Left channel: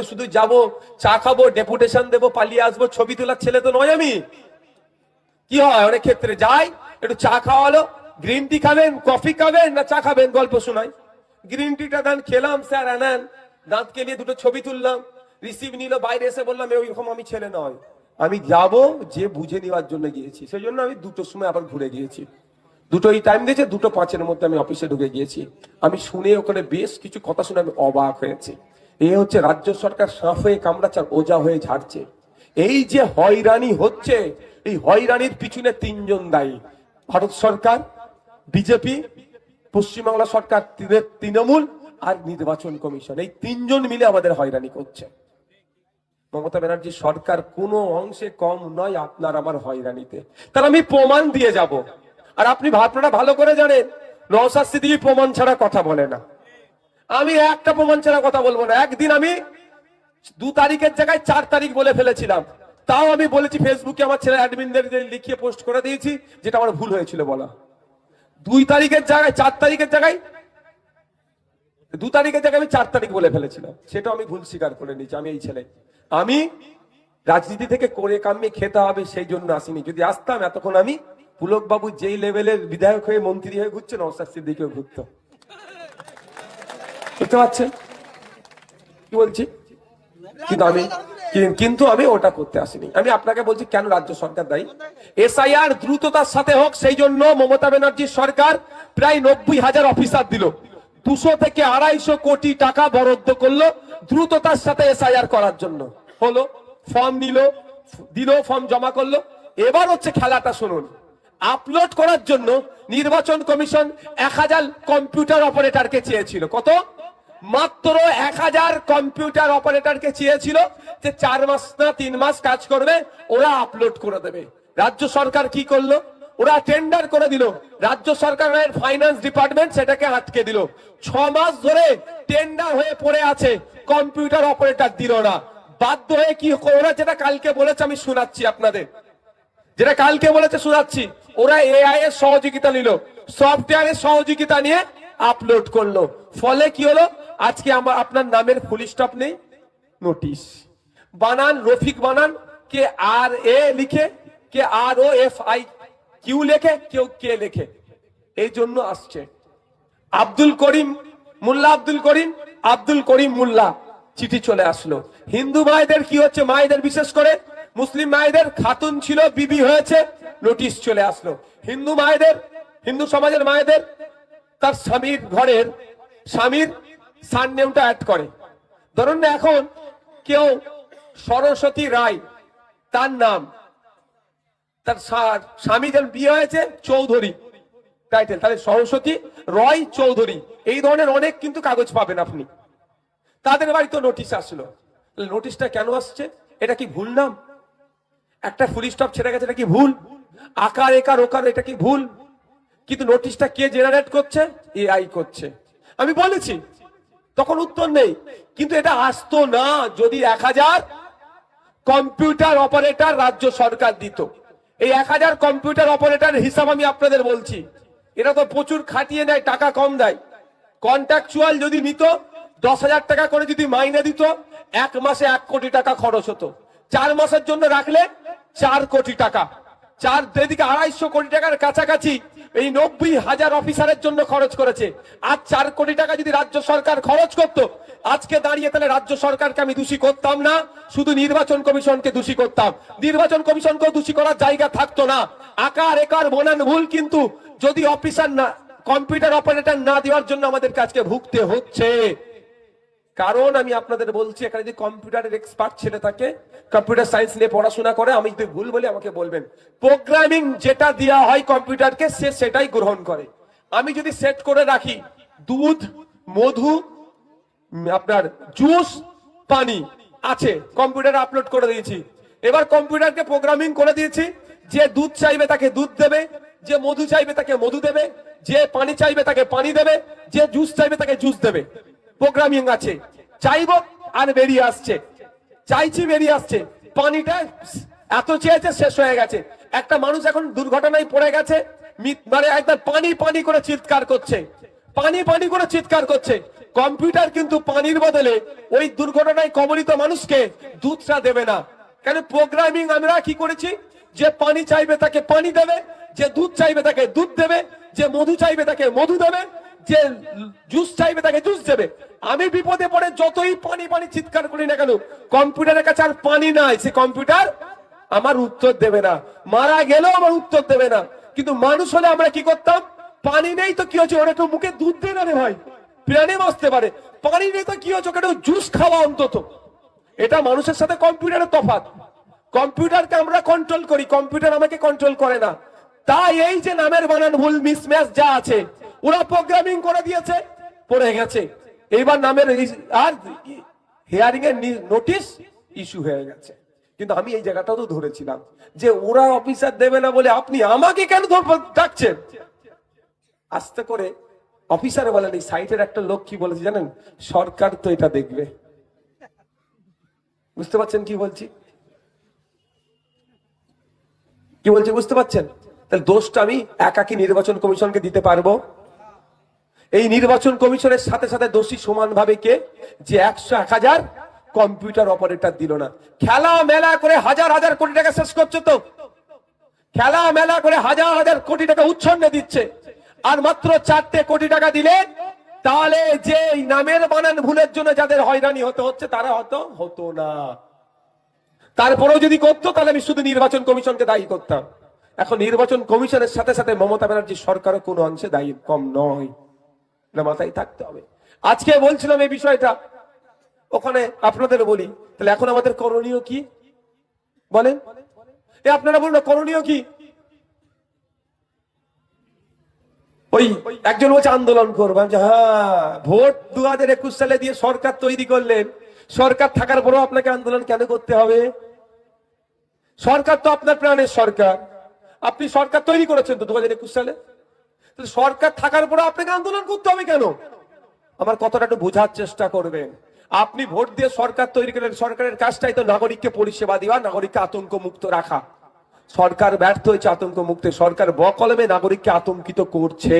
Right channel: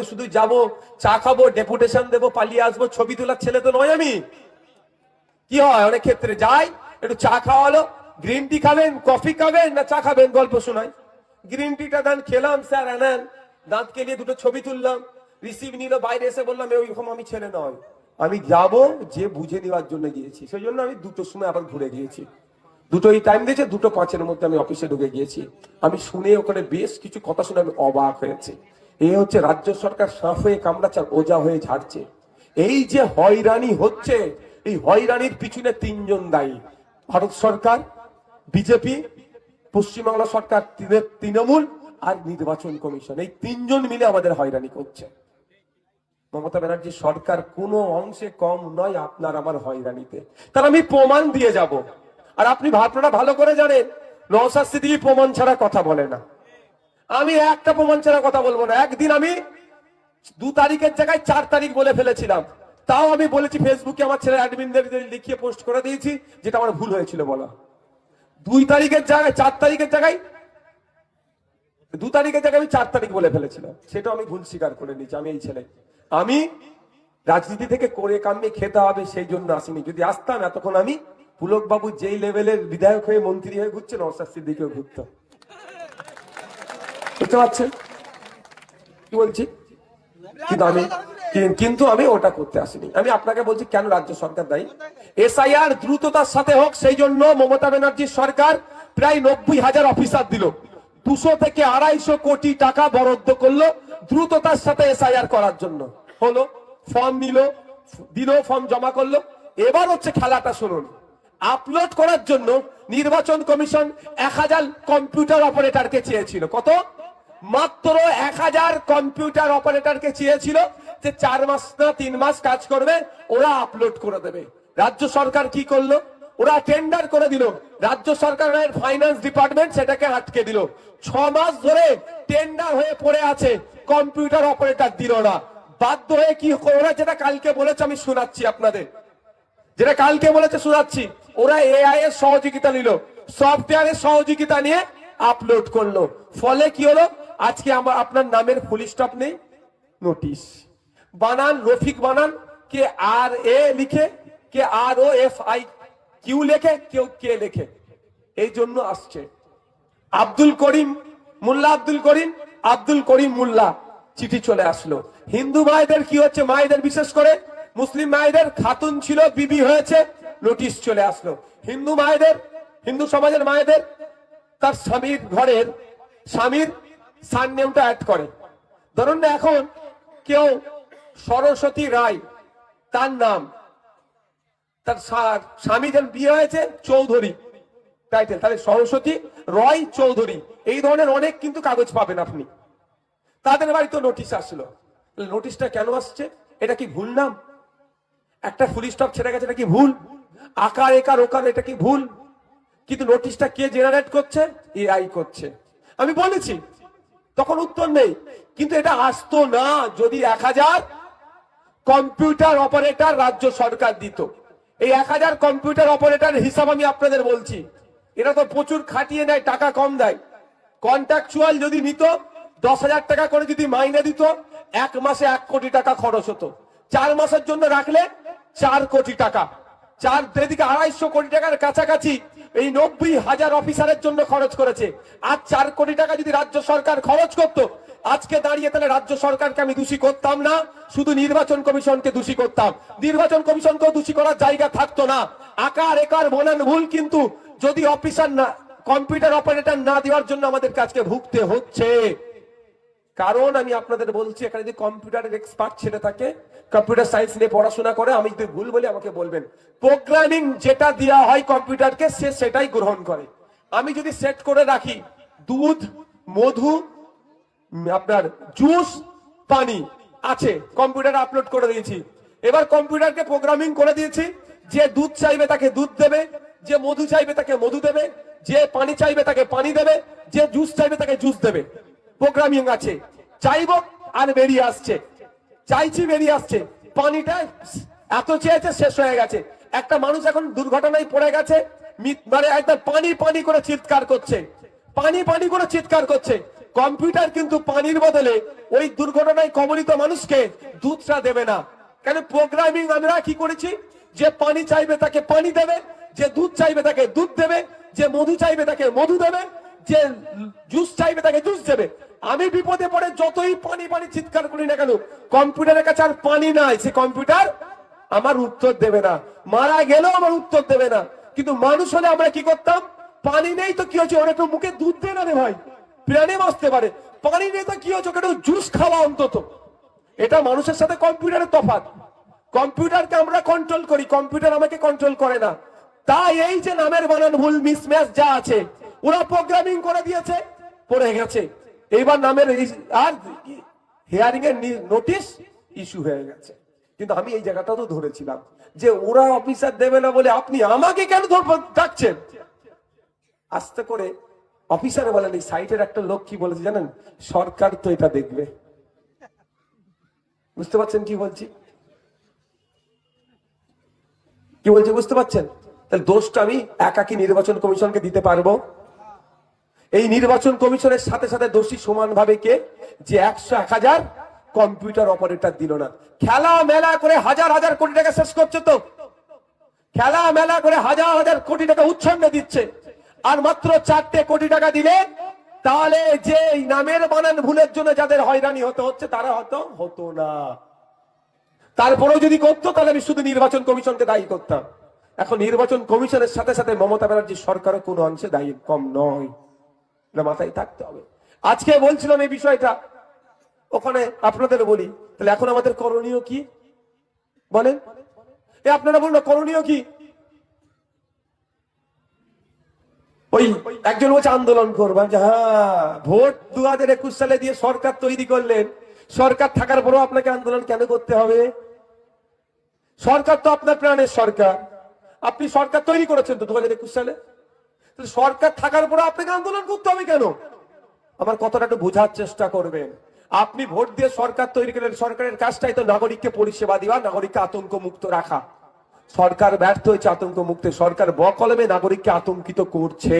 তো শুধু যাব, চা খাবো, ডেপুটেশন দেবো, পালিয়ে আসবো, ছবি তোলার ছেলে তো নয় আমি। কি হয় অনেক ক্ষেত্রে যাই, একটু চা খাওয়ালো, গ্রিন টি খাবেন, কফি খাবেন না চা খাবেন, গল্প শোনাই, গ্রিন টিটা দেন, খেলাম, স্যার আনান, দাঁত কেলিয়ে দুটো ছবি তুললাম, রিসিভ নিল, বাইরে এসে বললাম ওইরকম আমি ছেলে নয়। আমি যাব যে বুঝে নেওয়ার জন্য গিয়েছি, সেই জন্য আমি 2টোর সময় আবার ঘুরে গিয়েছি। 2টোই টাইম দিয়েছে, 2:05 মধ্যে আমি অফিসে ঢুকে গিয়েছি। আমি শুনে ওখানে বেশ কিছু কথা শুনে আমি অবাক হয়েছি। এই হচ্ছে রাজ্য সরকার সাপ হয়ে কামড়াচ্ছে, ওজা হয়ে ঝাড়ছে। এই যে হয়রানি হচ্ছে, এই হয়রানির পিছনে 3জন দায়ী। ভারত সরকার, বিজেপি, পশ্চিমবাংলা সরকার, তৃণমূল আর নির্বাচন কমিশন, এই 3জন মিলে আমাদের হয়রানি করছে। মমতা ব্যানার্জি সরকার কোনো অংশে কম নয় আপনার আমার হয়রানিতে, তার আমি প্রমাণ দিয়ে যাব। আর আপনারা ভালো করে জানেন নওশাদ সিদ্দিকী প্রমাণ ছাড়া কথা বলে না, আমি একটা প্রমাণ ছাড়া কথা বলবো না। একদিন আমি 2 তারিখের জায়গায় 4 তারিখ বলে ফেলেছিলাম, তাও আমি বলেছি ফেসবুকে, আমার ছেলে অ্যাডমিনদের লিখিয়ে পোস্ট করে দিয়েছি, যেটা আমার ভুল হয়েছিল বলা। 2 তারিখের জায়গায় 4 তারিখের জায়গায় 2 তারিখের জায়গায় আমি 4 তারিখ বলে ফেলেছিলাম, সেটা আমি ভুল স্বীকার করে নিয়েছি। আমি এই ছেলে, আমি রাজনীতি থেকে করে কামিয়ে খেতে হবে সেই জন্য আসিনি। যদি আসতাম এতক্ষণ আমি পুলক বাবু যেই লেভেলের বিধায়ক হয়ে মন্ত্রী হয়ে ঘুরছে, নওশাদ সিদ্দিকীও ঘুরতো। বুঝতে পারছেন কি বলছি? কিন্তু আমি ওটা করতে আসিনি। আমি আপনাকে বলছি কেন রাজ্য সরকার দায়ী। এসআইআর দ্রুততার সাথে হোক সেই জন্য মমতা ব্যানার্জির সরকার প্রায় 90,000 অফিসার দিল, 200 থেকে 250 কোটি টাকা বরাদ্দ করলো দ্রুততার সাথে এসআইআর করার জন্য। হলো, ফর্ম দিল, ফর্ম জমা করলো। এবার হচ্ছে খেলাটা শুনুন, আপলোড করার জন্য নির্বাচন কমিশন 1000 কম্পিউটার অপারেটরকে চেয়েছিল। কত? মাত্র 1000 কম্পিউটার অপারেটরকে চেয়েছিল, যে 4 মাস না 3 মাস কাজ করবে, ওরা আপলোড করে দেবে। রাজ্য সরকার কি করলো? ওরা টেন্ডার করে দিল, রাজ্য সরকারের ফাইন্যান্স ডিপার্টমেন্ট সেটাকে আটকে দিল। 6 মাস ধরে টেন্ডার হয়ে পড়ে আছে, কম্পিউটার অপারেটর দিল না। বাধ্য হয়ে কি ওরা যেটা কালকে বলেছে আমি শোনাচ্ছি আপনাদের, যেটা কালকে বলেছে শোনাচ্ছি, ওরা এআই এর সহযোগিতা নিল, সফটওয়্যারের সহযোগিতা নিয়ে আপলোড করলো। ফলে কি হলো, আজকে আপনার নামের ফুল স্টপ নেই, নোটিশ। বানান রফিক বানান, কে আর এ লিখে, কে আর ও এফ আই কিউ লেখে, কেউ কে লেখে, এই জন্য আসছে। আব্দুল করিম মোল্লা চিঠি চলে আসলো। হিন্দু মায়েদের কি হচ্ছে, মায়েদের বিশেষ করে মুসলিম মায়েদের খাতুন ছিল, বিবি হয়েছে, নোটিশ চলে আসলো। হিন্দু মায়েদের, হিন্দু সমাজের মায়েদের তার স্বামীর ঘরের স্বামীর সারনেমটা অ্যাড করে। ধরুন না, এখন কেউ সরস্বতী রায় তার নাম, তার স্বামী যেন বিয়ে হয়েছে চৌধুরী টাইটেল, তাহলে সরস্বতী রয় চৌধুরী, এই ধরনের অনেক কিন্তু কাগজ পাবেন আপনি। তাদের বাড়িতে নোটিশ আসলো। নোটিশটা কেন আসছে? এটা কি ভুল নাম? একটা ফুল স্টপ ছেড়ে গেছে, এটা কি ভুল? আকার একার ওকার, এটা কি ভুল? কিন্তু নোটিশটা কে জেনারেট করছে? এআই করছে। আমি বলেছি, তখন উত্তর নেই। কিন্তু এটা আসতো না যদি 1000 কম্পিউটার অপারেটর রাজ্য সরকার দিত। এই 1000 কম্পিউটার অপারেটর হিসাব আমি আপনাদের বলছি, এরা তো প্রচুর খাটিয়ে নেয়, টাকা কম দেয়। কন্ট্রাকচুয়াল যদি নিত, 10,000 টাকা করে যদি মাইনে দিত, 1 মাসে 1 কোটি টাকা খরচ হতো। 4 মাসের জন্য রাখলে 4 কোটি টাকা, এদিকে 250 কোটি টাকার কাছাকাছি এই 90,000 অফিসারের জন্য খরচ করেছে। আর 4 কোটি টাকা যদি রাজ্য সরকার খরচ করত, আজকে দাঁড়িয়ে তাহলে রাজ্য সরকারকে আমি দোষী করতাম না, শুধু নির্বাচন কমিশনকে দোষী করতাম। নির্বাচন কমিশনকেও দোষী করার জায়গা থাকতো না। আকার একার বনান ভুল, কিন্তু যদি অফিসার না, কম্পিউটার অপারেটর না দেওয়ার জন্য আমাদের কাজকে ভুগতে হচ্ছে। কারণ আমি আপনাদের বলছি, এখানে যদি কম্পিউটারের এক্সপার্ট ছেলে থাকে, কম্পিউটার সায়েন্স নিয়ে পড়াশোনা করে, আমি যদি ভুল বলি আমাকে বলবেন, প্রোগ্রামিং যেটা দেওয়া হয় কম্পিউটারকে সে সেটাই গ্রহণ করে। আমি যদি সেট করে রাখি দুধ, মধু, আপনার জুস, পানি আছে, কম্পিউটারে আপলোড করে দিয়েছি। এবার কম্পিউটারকে প্রোগ্রামিং করে দিয়েছি, যে দুধ চাইবে তাকে দুধ দেবে, যে মধু চাইবে তাকে মধু দেবে, যে পানি চাইবে তাকে পানি দেবে, যে জুস চাইবে তাকে জুস দেবে। প্রোগ্রামিং আছে, চাইব আর বেরিয়ে আসছে, চাইছি বেরিয়ে আসছে। পানিটা এত চেয়েছে, শেষ হয়ে গেছে। একটা মানুষ এখন দুর্ঘটনায় পড়ে গেছে, মানে একদম পানি পানি করে চিৎকার করছে, পানি পানি করে চিৎকার করছে। কম্পিউটার কিন্তু পানির বদলে ওই দুর্ঘটনায় কবলিত মানুষকে দুধটা দেবে না। কেন প্রোগ্রামিং আমরা কি করেছি, যে পানি চাইবে তাকে পানি দেবে, যে দুধ চাইবে তাকে দুধ দেবে, যে মধু চাইবে তাকে মধু দেবে, যে জুস চাইবে তাকে জুস দেবে। আমি বিপদে পড়ে যতই পানি পানি চিৎকার করি না কেন, কম্পিউটারের কাছে আর পানি নাই, সে কম্পিউটার আমার উত্তর দেবে না, মারা গেলেও আমার উত্তর দেবে না। কিন্তু মানুষ হলে আমরা কি করতাম, পানি নেই তো কি হচ্ছে, ওরা কেউ মুখে দুধ দে না রে ভাই, প্রাণে বাঁচতে পারে। পানি নেই তো কি হচ্ছে, কেন জুস খাওয়া অন্তত। এটা মানুষের সাথে কম্পিউটারের তফাৎ। কম্পিউটারকে আমরা কন্ট্রোল করি, কম্পিউটার আমাকে কন্ট্রোল করে না। তাই এই যে নামের বানান ভুল মিসম্যাচ যা আছে, ওরা প্রোগ্রামিং করে দিয়েছে, পড়ে গেছে। এইবার নামের আর হিয়ারিং এর নোটিশ ইস্যু হয়ে গেছে। কিন্তু আমি এই জায়গাটাও তো ধরেছিলাম যে ওরা অফিসার দেবে না বলে আপনি আমাকে কেন ডাকছেন। আস্তে করে অফিসার বলেন, এই সাইটের একটা লোক কি বলেছে জানেন, সরকার তো এটা দেখবে। বুঝতে পারছেন কি বলছি, কি বলছি বুঝতে পারছেন? তাহলে দোষটা আমি একাকি নির্বাচন কমিশনকে দিতে পারবো? এই নির্বাচন কমিশনের সাথে সাথে দোষী সমানভাবে কে, যে 100-1000 কম্পিউটার অপারেটর দিল না। খেলা মেলা করে হাজার হাজার কোটি টাকা শেষ করছে তো, খেলা মেলা করে হাজার হাজার কোটি টাকা উচ্ছন্নে দিচ্ছে, আর মাত্র 4টে কোটি টাকা দিলে তাহলে যে নামের বানান ভুলের জন্য যাদের হয়রানি হতে হচ্ছে তারা হতো না। তারপরেও যদি করতো তাহলে আমি শুধু নির্বাচন কমিশনকে দায়ী করতাম। এখন নির্বাচন কমিশনের সাথে সাথে মমতা ব্যানার্জি সরকারের কোনো অংশে দায়ী কম নয়, না মাথায় থাকতে হবে। আজকে বলছিলাম এই বিষয়টা, ওখানে আপনাদের বলি, তাহলে এখন আমাদের করণীয় কি বলেন? আপনারা বলুন না করণীয় কি? ওই একজন বলছে আন্দোলন করবেন, যে হ্যাঁ ভোট 2021 সালে দিয়ে সরকার তৈরি করলেন, সরকার থাকার পরেও আপনাকে আন্দোলন কেন করতে হবে? সরকার তো আপনার প্রাণের সরকার, আপনি সরকার তৈরি করেছেন তো 2021 সালে, সরকার থাকার পরে আপনাকে আন্দোলন করতে হবে কেন? আমার কথাটা একটু বোঝার চেষ্টা করবেন। আপনি ভোট দিয়ে সরকার তৈরি করেন, সরকারের কাজটাই তো নাগরিককে পরিষেবা দেওয়া, নাগরিককে আতঙ্ক মুক্ত রাখা। সরকার ব্যর্থ হয়েছে আতঙ্ক মুক্ত, সরকার বকলমে নাগরিককে আতঙ্কিত করছে।